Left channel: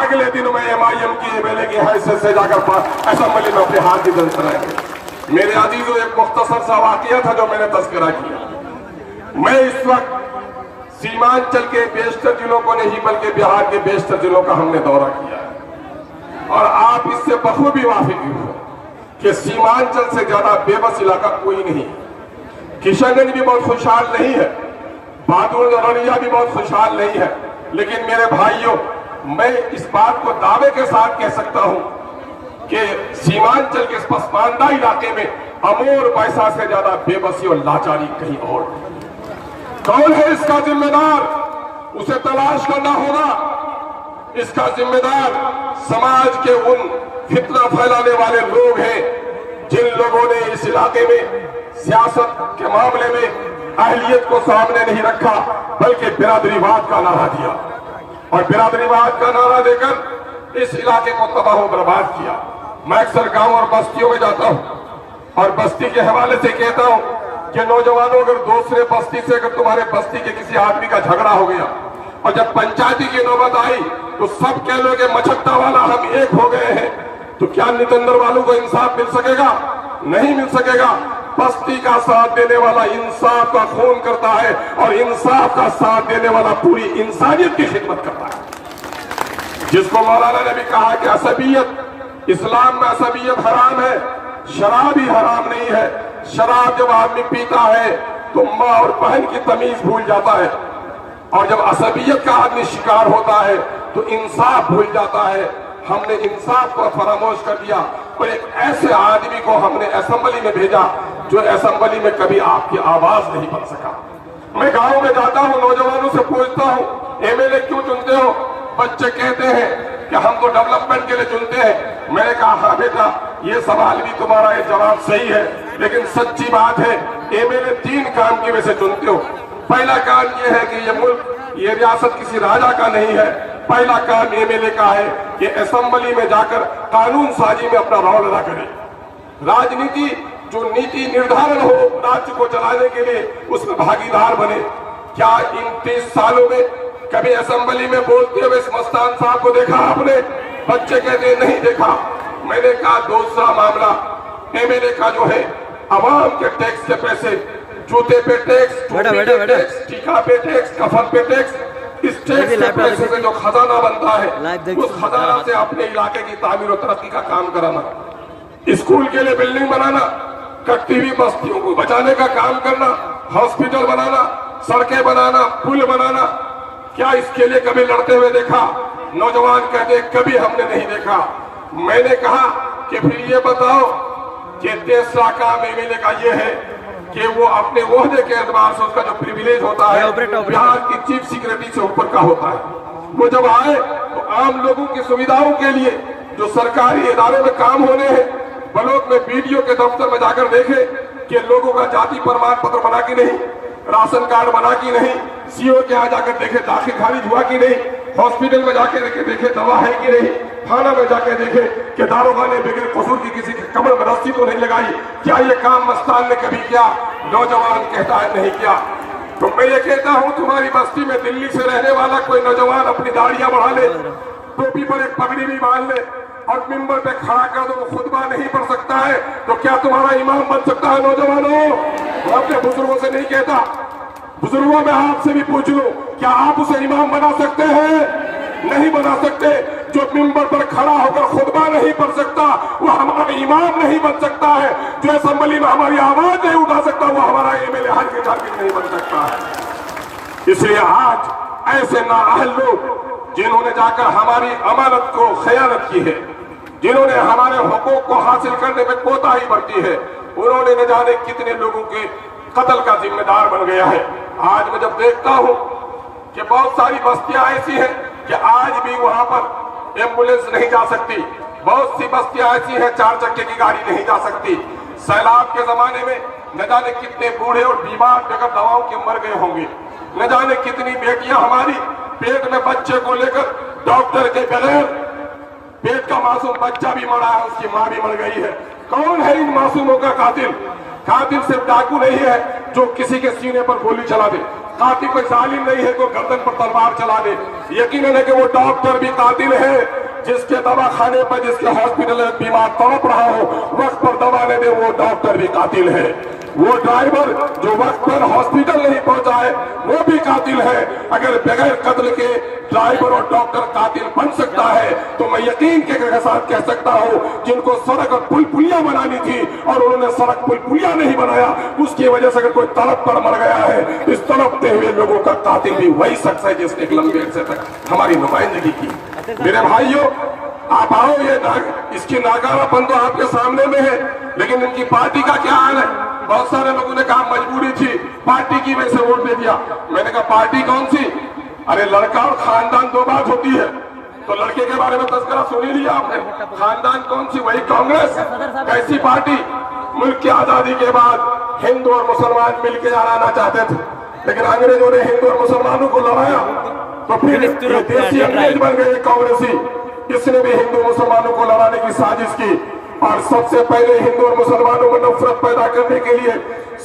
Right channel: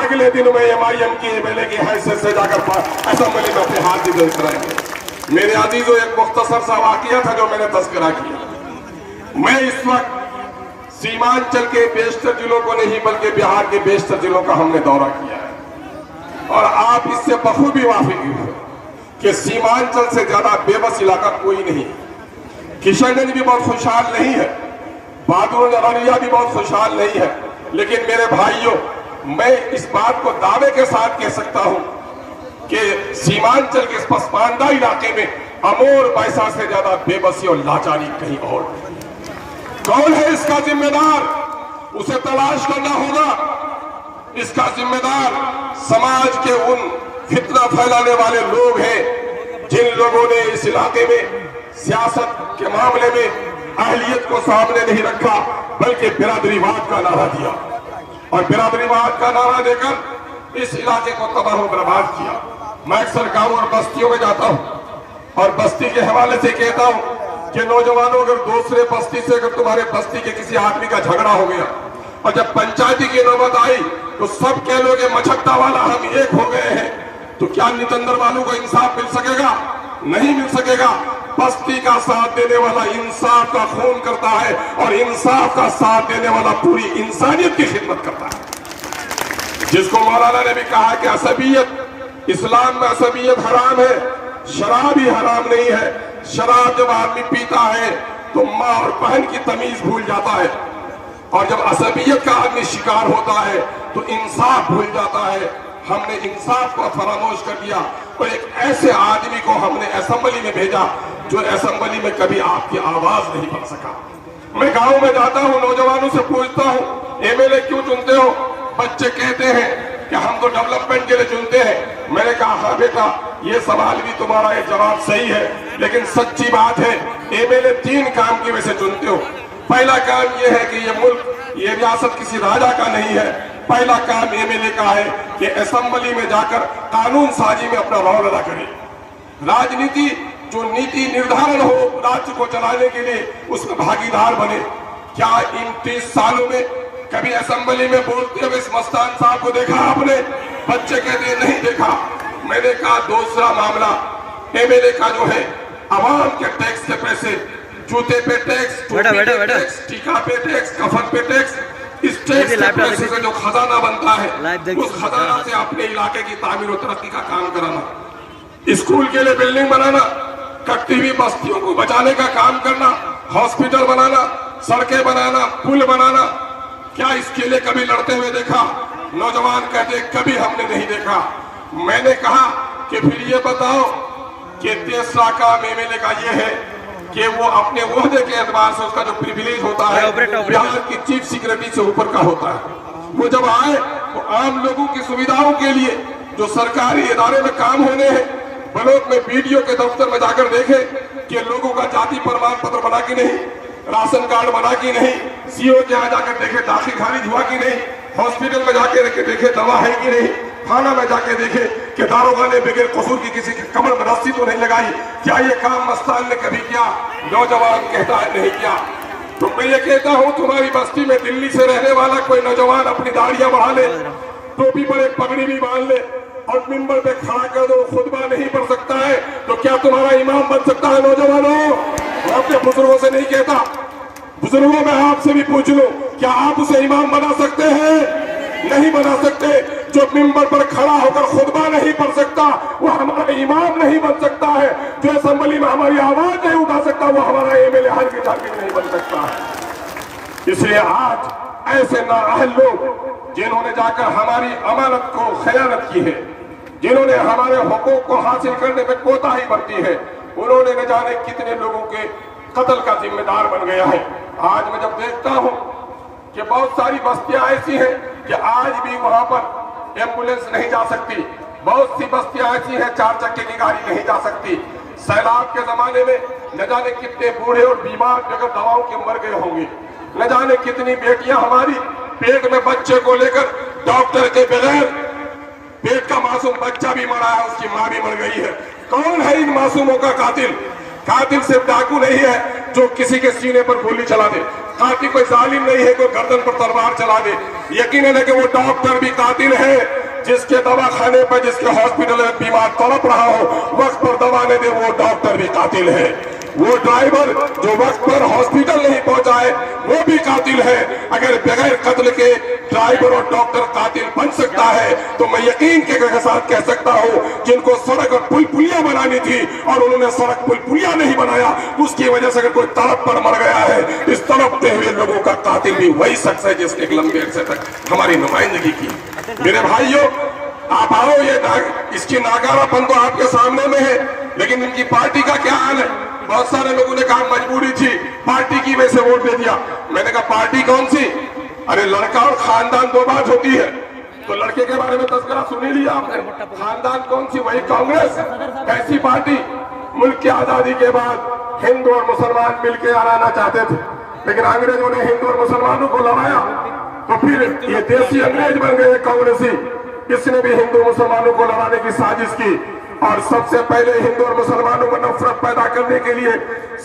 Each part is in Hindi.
अगले दिन में MIM की MLA की हैसियत से जाकर असेंबली में अपने हाथ की दर्ज कराएंगे। मेरे अजीजों, एक मुख्तसर सा वाकया था जो मैंने तस्करा किया। मैं इस वक्त सीमांचल के बेशतर जिलों को नहीं बल्कि बिहार के बेशतर जिलों का हमने दौरा किया है और आप इससे बखूबी वाकिफ हो कि सीमांचल से ज्यादा बेबस इलाका कोई नहीं। किशनगंज भी बहुत खुशहाल नहीं है, बहादुरगढ़ भी बहुत खुशहाल नहीं है, लेकिन मेरे भाइयों, मैं इस बात को दावे के साथ कह सकता हूं कि सीमांचल के इस पसमानदा इलाके में अमोर पैसा से ज्यादा बेबसी और लाचारी कहीं और। कौन है इसका जिम्मेदार? उसे तलाश करना होगा। इसका जिम्मेदार समाज के उन फितना फैलाने वाले लोग हैं जिन लोगों ने इस इलाके में सियासत के मामले में अहलियत को सामने नहीं रखा बल्कि बिरादरीवाद का नारा दिया और बिरादरीवाद का नारा देकर इस इलाके को तबाह बर्बाद किया। मैं अक्सर गांव और बस्तियों में जाता हूं और बस्ती के हवाले से कहता हूं कि नौजवानों, अगर दूसरे बस्ती से अगर तुम्हारे बस्ती के किसी आदमी का झगड़ा हो गया और जब पंचायती की नौबत आई तो सब कह लोगे मछट्टा वाला हम एक हो गए हैं, तो क्या नितंदर वालों को इंसाफ मिल सकेगा? नहीं मिल सकेगा। बस्ती का साथ देने वाला इंसाफ का खून करता है और इंसाफ का साथ देने वाला पूरी इंसानियत की खिदमत करता है। जिसको मौलाना ने भी कहा कि असबियत, इस्लाम में असबियत हराम है, शराब ही हराम नहीं है। शराब जब आदमी पीता है तो माँ और बहन की तमीज भूल जाता है और जब असबियत का आदमी शिकार होता है तो इंसाफ भूल जाता है। हमने इंसाफ को फरामोश कर दिया और एक ऐसे आदमी को हमने असेंबली में भेजा जो असेंबली में कभी आपकी आवाज नहीं बन सका। मैं गांव में जाता हूं, नौजवानों से पूछता हूं, MLA क्यों चुनते हो? बच्चे कहते हैं कि हम तो डेवलपमेंट के लिए चुनते हैं। मैंने कहा हाँ बेटा, ये सवाल भी तुम्हारा ये जवाब सही है, लेकिन सच्ची बात है MLA 3 काम की वजह से चुनते हो। पहला काम ये है कि ये मुल्क, ये रियासत किसी राजा का नहीं है। पहला काम MLA का है कि असेंबली में जाकर कानून साजी में अपना रोल अदा करे। राजनीति जो नीति निर्धारण हो राज्य को चलाने के लिए, उसमें भागीदार बने। क्या इन 30 सालों में कभी असेंबली में बोलते हुए इस मस्तान साहब को देखा आपने? बच्चे कहते नहीं देखा। मैंने कहा दूसरा मामला MLA का जो है, अवाम के टैक्स के पैसे, जूते पे टैक्स, टीका पे टैक्स, कफन पे टैक्स, इस टैक्स के पैसे से जो खजाना बनता है उस खजाना से अपने इलाके की तामीर और तरक्की का काम कराना, स्कूल के लिए बिल्डिंग बनाना, कटती हुई बस्तियों को बचाने का काम करना, हॉस्पिटल बनाना, सड़कें बनाना, पुल बनाना। क्या इसके लिए कभी लड़ते हुए देखा? नौजवान कहते कभी हमने नहीं देखा। मैंने कहा कि फिर ये बताओ कि तीसरा काम MLA का ये है कि वो अपने ओहदे के एतबार से उसका जो प्रिविलेज होता है बिहार की चीफ सेक्रेटरी से ऊपर का होता है। वो जब आए तो आम लोगों की सुविधाओं के लिए जो सरकारी इदारे में काम होने हैं, ब्लॉक में BDO के दफ्तर में जाकर देखे कि लोगों का जाति प्रमाण पत्र बना कि नहीं, राशन कार्ड बना कि नहीं, CO के यहाँ जाकर देखे दाखिल खारिज हुआ कि नहीं, हॉस्पिटल में जाके देखे दवा है कि नहीं, थाना में जाके देखे कि दारोगा ने बगैर कसूर की किसी के कमर में रस्सी तो नहीं लगाई। क्या ये काम मस्तान ने कभी किया? नौजवान कहता है नहीं किया। तो मैं ये कहता हूँ, तुम्हारी बस्ती में दिल्ली से रहने वाला कोई नौजवान अपनी दाढ़ियां बढ़ा ले, टोपी पर एक पगड़ी भी बांध ले और मिंबर पे खड़ा कर दो, खुतबा नहीं पढ़ सकता है, तो क्या तुम्हारा इमाम बन सकता है? नौजवानों, मैं अपने बुजुर्गों से नहीं कहता, बुजुर्गों में आपसे भी पूछ लो, क्या आप उसे इमाम बना सकते हैं? नहीं बना सकते। जो मिंबर पर खड़ा होकर खुतबा नहीं पढ़ सकता वो हमारा इमाम नहीं बन सकता है। जो असेंबली में हमारी आवाज नहीं उठा सकता वो हमारा MLA हर की नहीं बन सकता है। इसलिए आज ऐसे नाअहल लोग जिन्होंने जाकर हमारी अमानत को खयानत की है, जिन्होंने हमारे हुकूक को हासिल करने में कोताही बरती है, उन्होंने न जाने कितने लोगों के कत्ल का जिम्मेदार बन गया है। आज मैं जब देखता हूं कि बहुत सारी बस्तियां ऐसी हैं कि आज भी वहां पर एम्बुलेंस नहीं जा सकती, बहुत सी बस्तियां ऐसी हैं 4 चक्के की गाड़ी नहीं जा सकती। सैलाब के जमाने में न जाने कितने बूढ़े और बीमार बगैर दवाओं के मर गए होंगे, न जाने कितनी बेटियां हमारी पेट में बच्चे को लेकर डॉक्टर के बगैर, पेट का मासूम बच्चा भी मरा है, उसकी मां भी मर गई है। कौन है इन मासूमों का कातिल? कातिल सिर्फ डाकू नहीं है जो किसी के सीने पर गोली चला दे, कातिल कोई जालिम नहीं है जो गर्दन पर तलवार चला दे। यकीनन है कि वो डॉक्टर भी कातिल है, जिसके दवा खाने पर, जिसके हॉस्पिटल में बीमार तड़प रहा हो, वक्त पर दवा नहीं दे, वो डॉक्टर भी कातिल है। वो ड्राइवर जो वक्त पर हॉस्पिटल नहीं पहुंचाए, वो भी कातिल है। अगर बगैर कत्ल के ड्राइवर और डॉक्टर कातिल बन सकता है, तो मैं यकीन के साथ कह सकता हूं, जिनको सड़क और पुल पुलिया बनानी थी और उन्होंने सड़क पुल पुलिया नहीं बनाया, उसकी वजह से अगर कोई तड़प कर मर गया है, इस तड़पते हुए लोगों का कातिल भी वही शख्स है जिसने एक लंबे अरसे तक हमारी नुमाइंदगी की। मेरे भाइयों, आप आओ, इसकी नाकारापन तो आपके सामने में है, लेकिन इनकी पार्टी का क्या हाल है? बहुत सारे लोगों ने कहा मजबूरी थी, पार्टी की वजह से वोट दे दिया। मैंने कहा पार्टी कौन सी? अरे लड़का और खानदान दो बात होती है। तो लड़के के बारे में तस्करा सुनी लिया आपने, खानदान कौन सी? वही कांग्रेस। कैसी पार्टी? मुल्क की आजादी के बाद हिंदू और मुसलमान मिलकर आना चाहते थे, लेकिन अंग्रेजों ने हिंदू और मुसलमानों को लड़ाया, तो फिर ये देसी अंग्रेज बन गए कांग्रेसी। इसने भी हिंदू मुसलमानों को लड़ाने की साजिश की, और सबसे पहले हिंदू और मुसलमानों में नफरत पैदा करने के लिए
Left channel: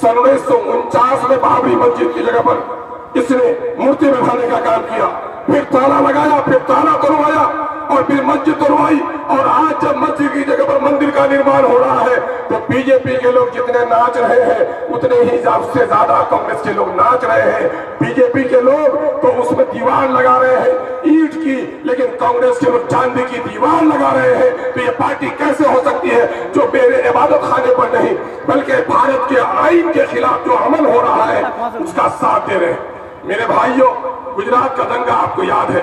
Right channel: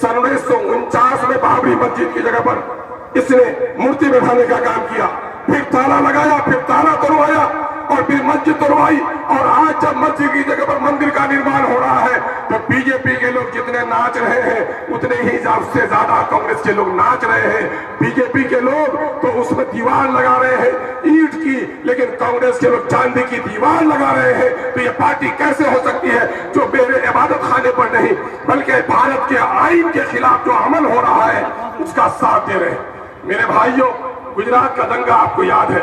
सन 1949 में बाबरी मस्जिद की जगह पर इसने मूर्ति बैठाने का काम किया, फिर ताला लगाया, फिर ताला तोड़वाया, और फिर मस्जिद तोड़वाई। और आज जब मस्जिद की जगह पर मंदिर का निर्माण हो रहा है, तो बीजेपी के लोग जितने नाच रहे हैं, उतने ही से ज्यादा कांग्रेस के लोग नाच रहे हैं। बीजेपी के लोग तो उसमें दीवार लगा रहे हैं ईंट की, लेकिन कांग्रेस के लोग चांदी की दीवार लगा रहे हैं। तो ये पार्टी कैसे हो सकती है जो मेरे इबादत खाने पर नहीं, बल्कि भारत के आईन के खिलाफ जो अमल हो रहा है उसका साथ दे रहे हैं? मेरे भाइयों, गुजरात का दंगा आपको याद है।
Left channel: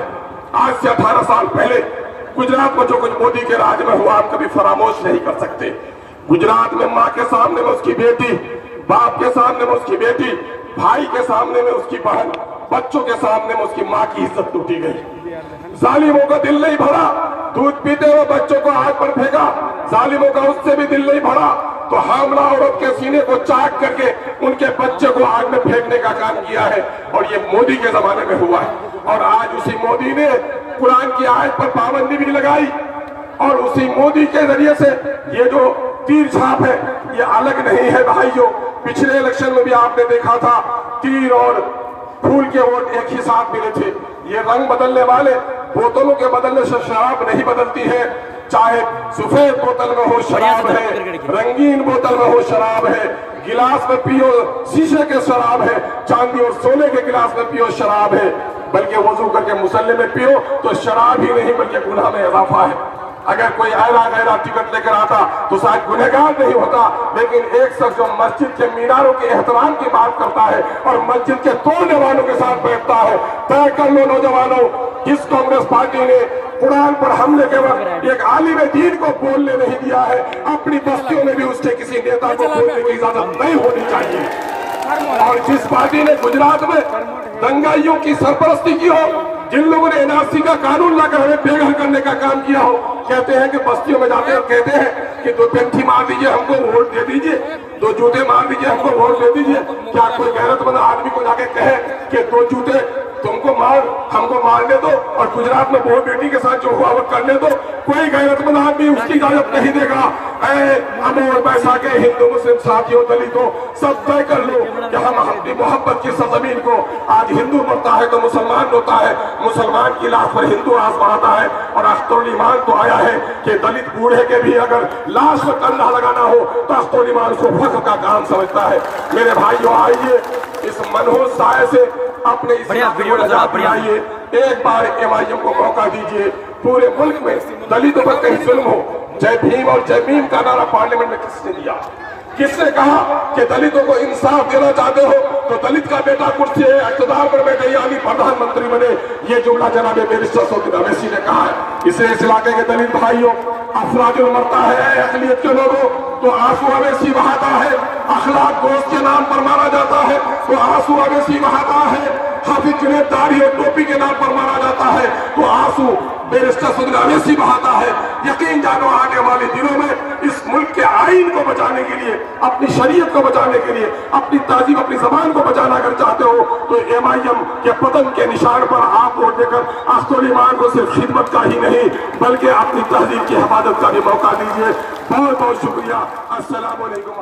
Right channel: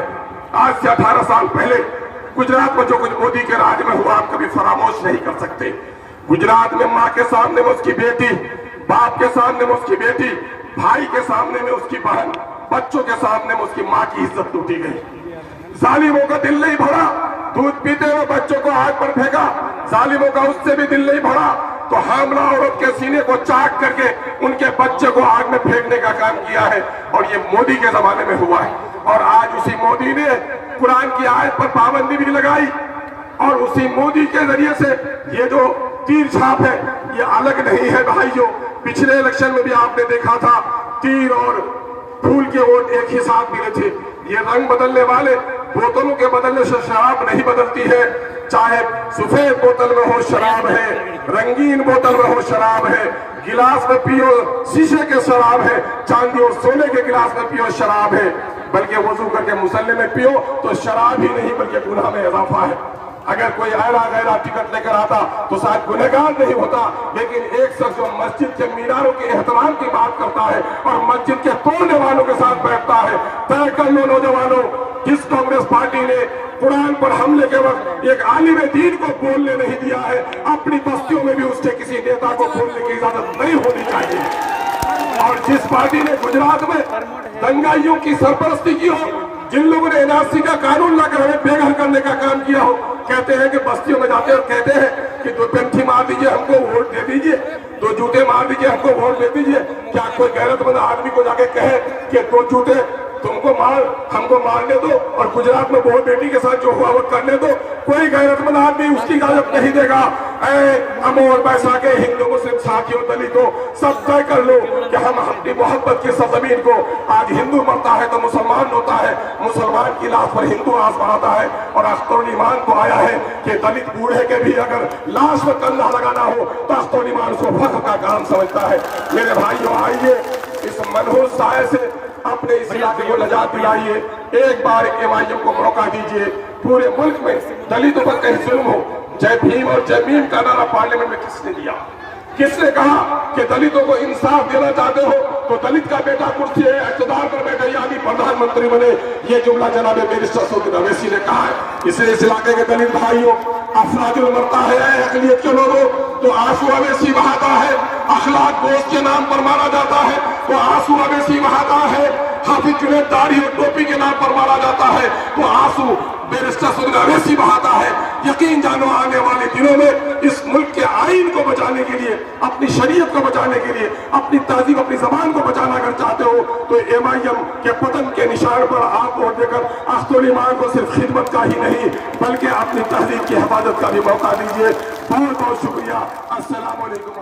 आज से 18 साल पहले गुजरात में जो कुछ मोदी के राज में हुआ, आप कभी फरामोश नहीं कर सकते। गुजरात में माँ के सामने में उसकी बेटी, बाप के सामने में उसकी बेटी, भाई के सामने में उसकी बहन, बच्चों के सामने में उसकी माँ की इज्जत टूटी गई। जालिमों का दिल नहीं भरा, दूध पीते हुए बच्चों को आग पर फेंका। जालिमों का उससे भी दिल नहीं भरा, तो हामला औरत के सीने को चाक करके उनके बच्चे को आग में फेंकने का काम किया है। और ये मोदी के जमाने में हुआ है। और आज उसी मोदी ने कुरान की आयत पर पाबंदी भी लगाई, और उसी मोदी के जरिए से ये जो तीर छाप है, ये अलग नहीं है भाइयों। पिछले इलेक्शन में भी आपने देखा था, तीर और फूल के वोट एक ही साथ मिले थे। ये रंग बदलने वाले बोतलों के बदलने से शराब नहीं बदलती है। चाहे सफेद बोतल में हो शराब है, रंगीन बोतल में हो शराब है, गिलास में पियो शीशे के शराब है, चांदी और सोने के गिलास में पियो शराब है, बल्कि वजू करके मुसल्ले में पियो तो शराब ही नहीं बल्कि गुनाह में इजाफा है। अगर कोई ऐरा गैरा टिकट लेकर आता तो शायद गुनहगार नहीं होता, लेकिन एक शख्स जो मस्जिद के मीनारों के एहतराम की बात करता है और मस्जिद के तोड़ने वालों के साथ बैठता है। तय कर लो नौजवानों, जिस कांग्रेस पार्टी ने कुरान पर हमले के वक्त एक आलिम दीन को बोलने नहीं दिया है, अपनी बस्तियों में भी उसके किसी नेता को बोलने की इजाजत नहीं होनी चाहिए। और जिस पार्टी ने गुजरात में दंगाइयों की सरपरस्ती की हो, जिन लोगों ने एनआरसी का कानून लाकर हमें बेघर करने का काम किया हो, कहते हैं कि बस्तियों में जाते और कहते हैं कि 2 पेंठी मार दीजिए, हमको वोट दे दीजिए, 2 जूते मार दीजिए, हमको वोट दे दीजिए। क्या कोई गैरतमंद आदमी को जाके कहे कि 2 जूते तुमको मार, हमको मारने दो, और गुजरात में बहुत बेटी के साथ जो हुआ वो करने दो? कोई गैरतमंद आदमी उसकी इजाजत नहीं देगा। अमोर पैसा के हिंदू मुस्लिम साथियों, दलितों, सब तय कर लो कि हम अपनी मोहब्बत की सरजमीन को, आज हिंदू मरता है तो मुसलमान रोता है, मुसलमान की लाश पर हिंदू आजमाता है, और अख्तरुल ईमान को आया है कि दलित बूढ़े के भी अगर लाश पर कंधा लगाना हो तो अख्तरुल ईमान उसको फख्र का काम समझता है। मेरे भाइयों, आइए इस मनहूस साये से अपने इस इलाके को निजात दिलाइए। एक बार एमआईएम को मौका दीजिए। पूरे मुल्क में दलितों पर कहीं जुल्म हो, जय भीम और जय भीम का नारा पार्लियामेंट में किसने दिया? किसने कहा कि दलितों को इंसाफ देना चाहते हो तो दलित का बेटा कुर्सी है इख्तिदार पर बैठे यानी प्रधानमंत्री बने? ये जुमला जनाब बैरिस्टर सऊदी अवैसी ने कहा है। इसलिए इस इलाके के दलित भाइयों, अफराजुल मरता है अकलियत के लोगों तो आंसू अवैसी बहाता है, अखलाक दोस्त के नाम पर मारा जाता है तो आंसू अवैसी बहाता है, हाफिज जुनैद दाढ़ी और टोपी के नाम पर मारा जाता है तो आंसू बैरिस्टर सऊदी अवैसी बहाता है। यकीन जानो, आने वाले दिनों में इस मुल्क के आईन को बचाने के लिए, अपनी शरीयत को बचाने के लिए, अपनी तहजीब, अपनी जबान को बचाना अगर चाहते हो तो एमआईएम के पतन के निशान पर आप वोट देकर अख्तरुल ईमान को सिर्फ खिदमत का ही नहीं बल्कि अपनी तहजीब की हिफाजत का भी मौका दीजिए। बहुत बहुत शुक्रिया। अस्सलाम वालेकुम।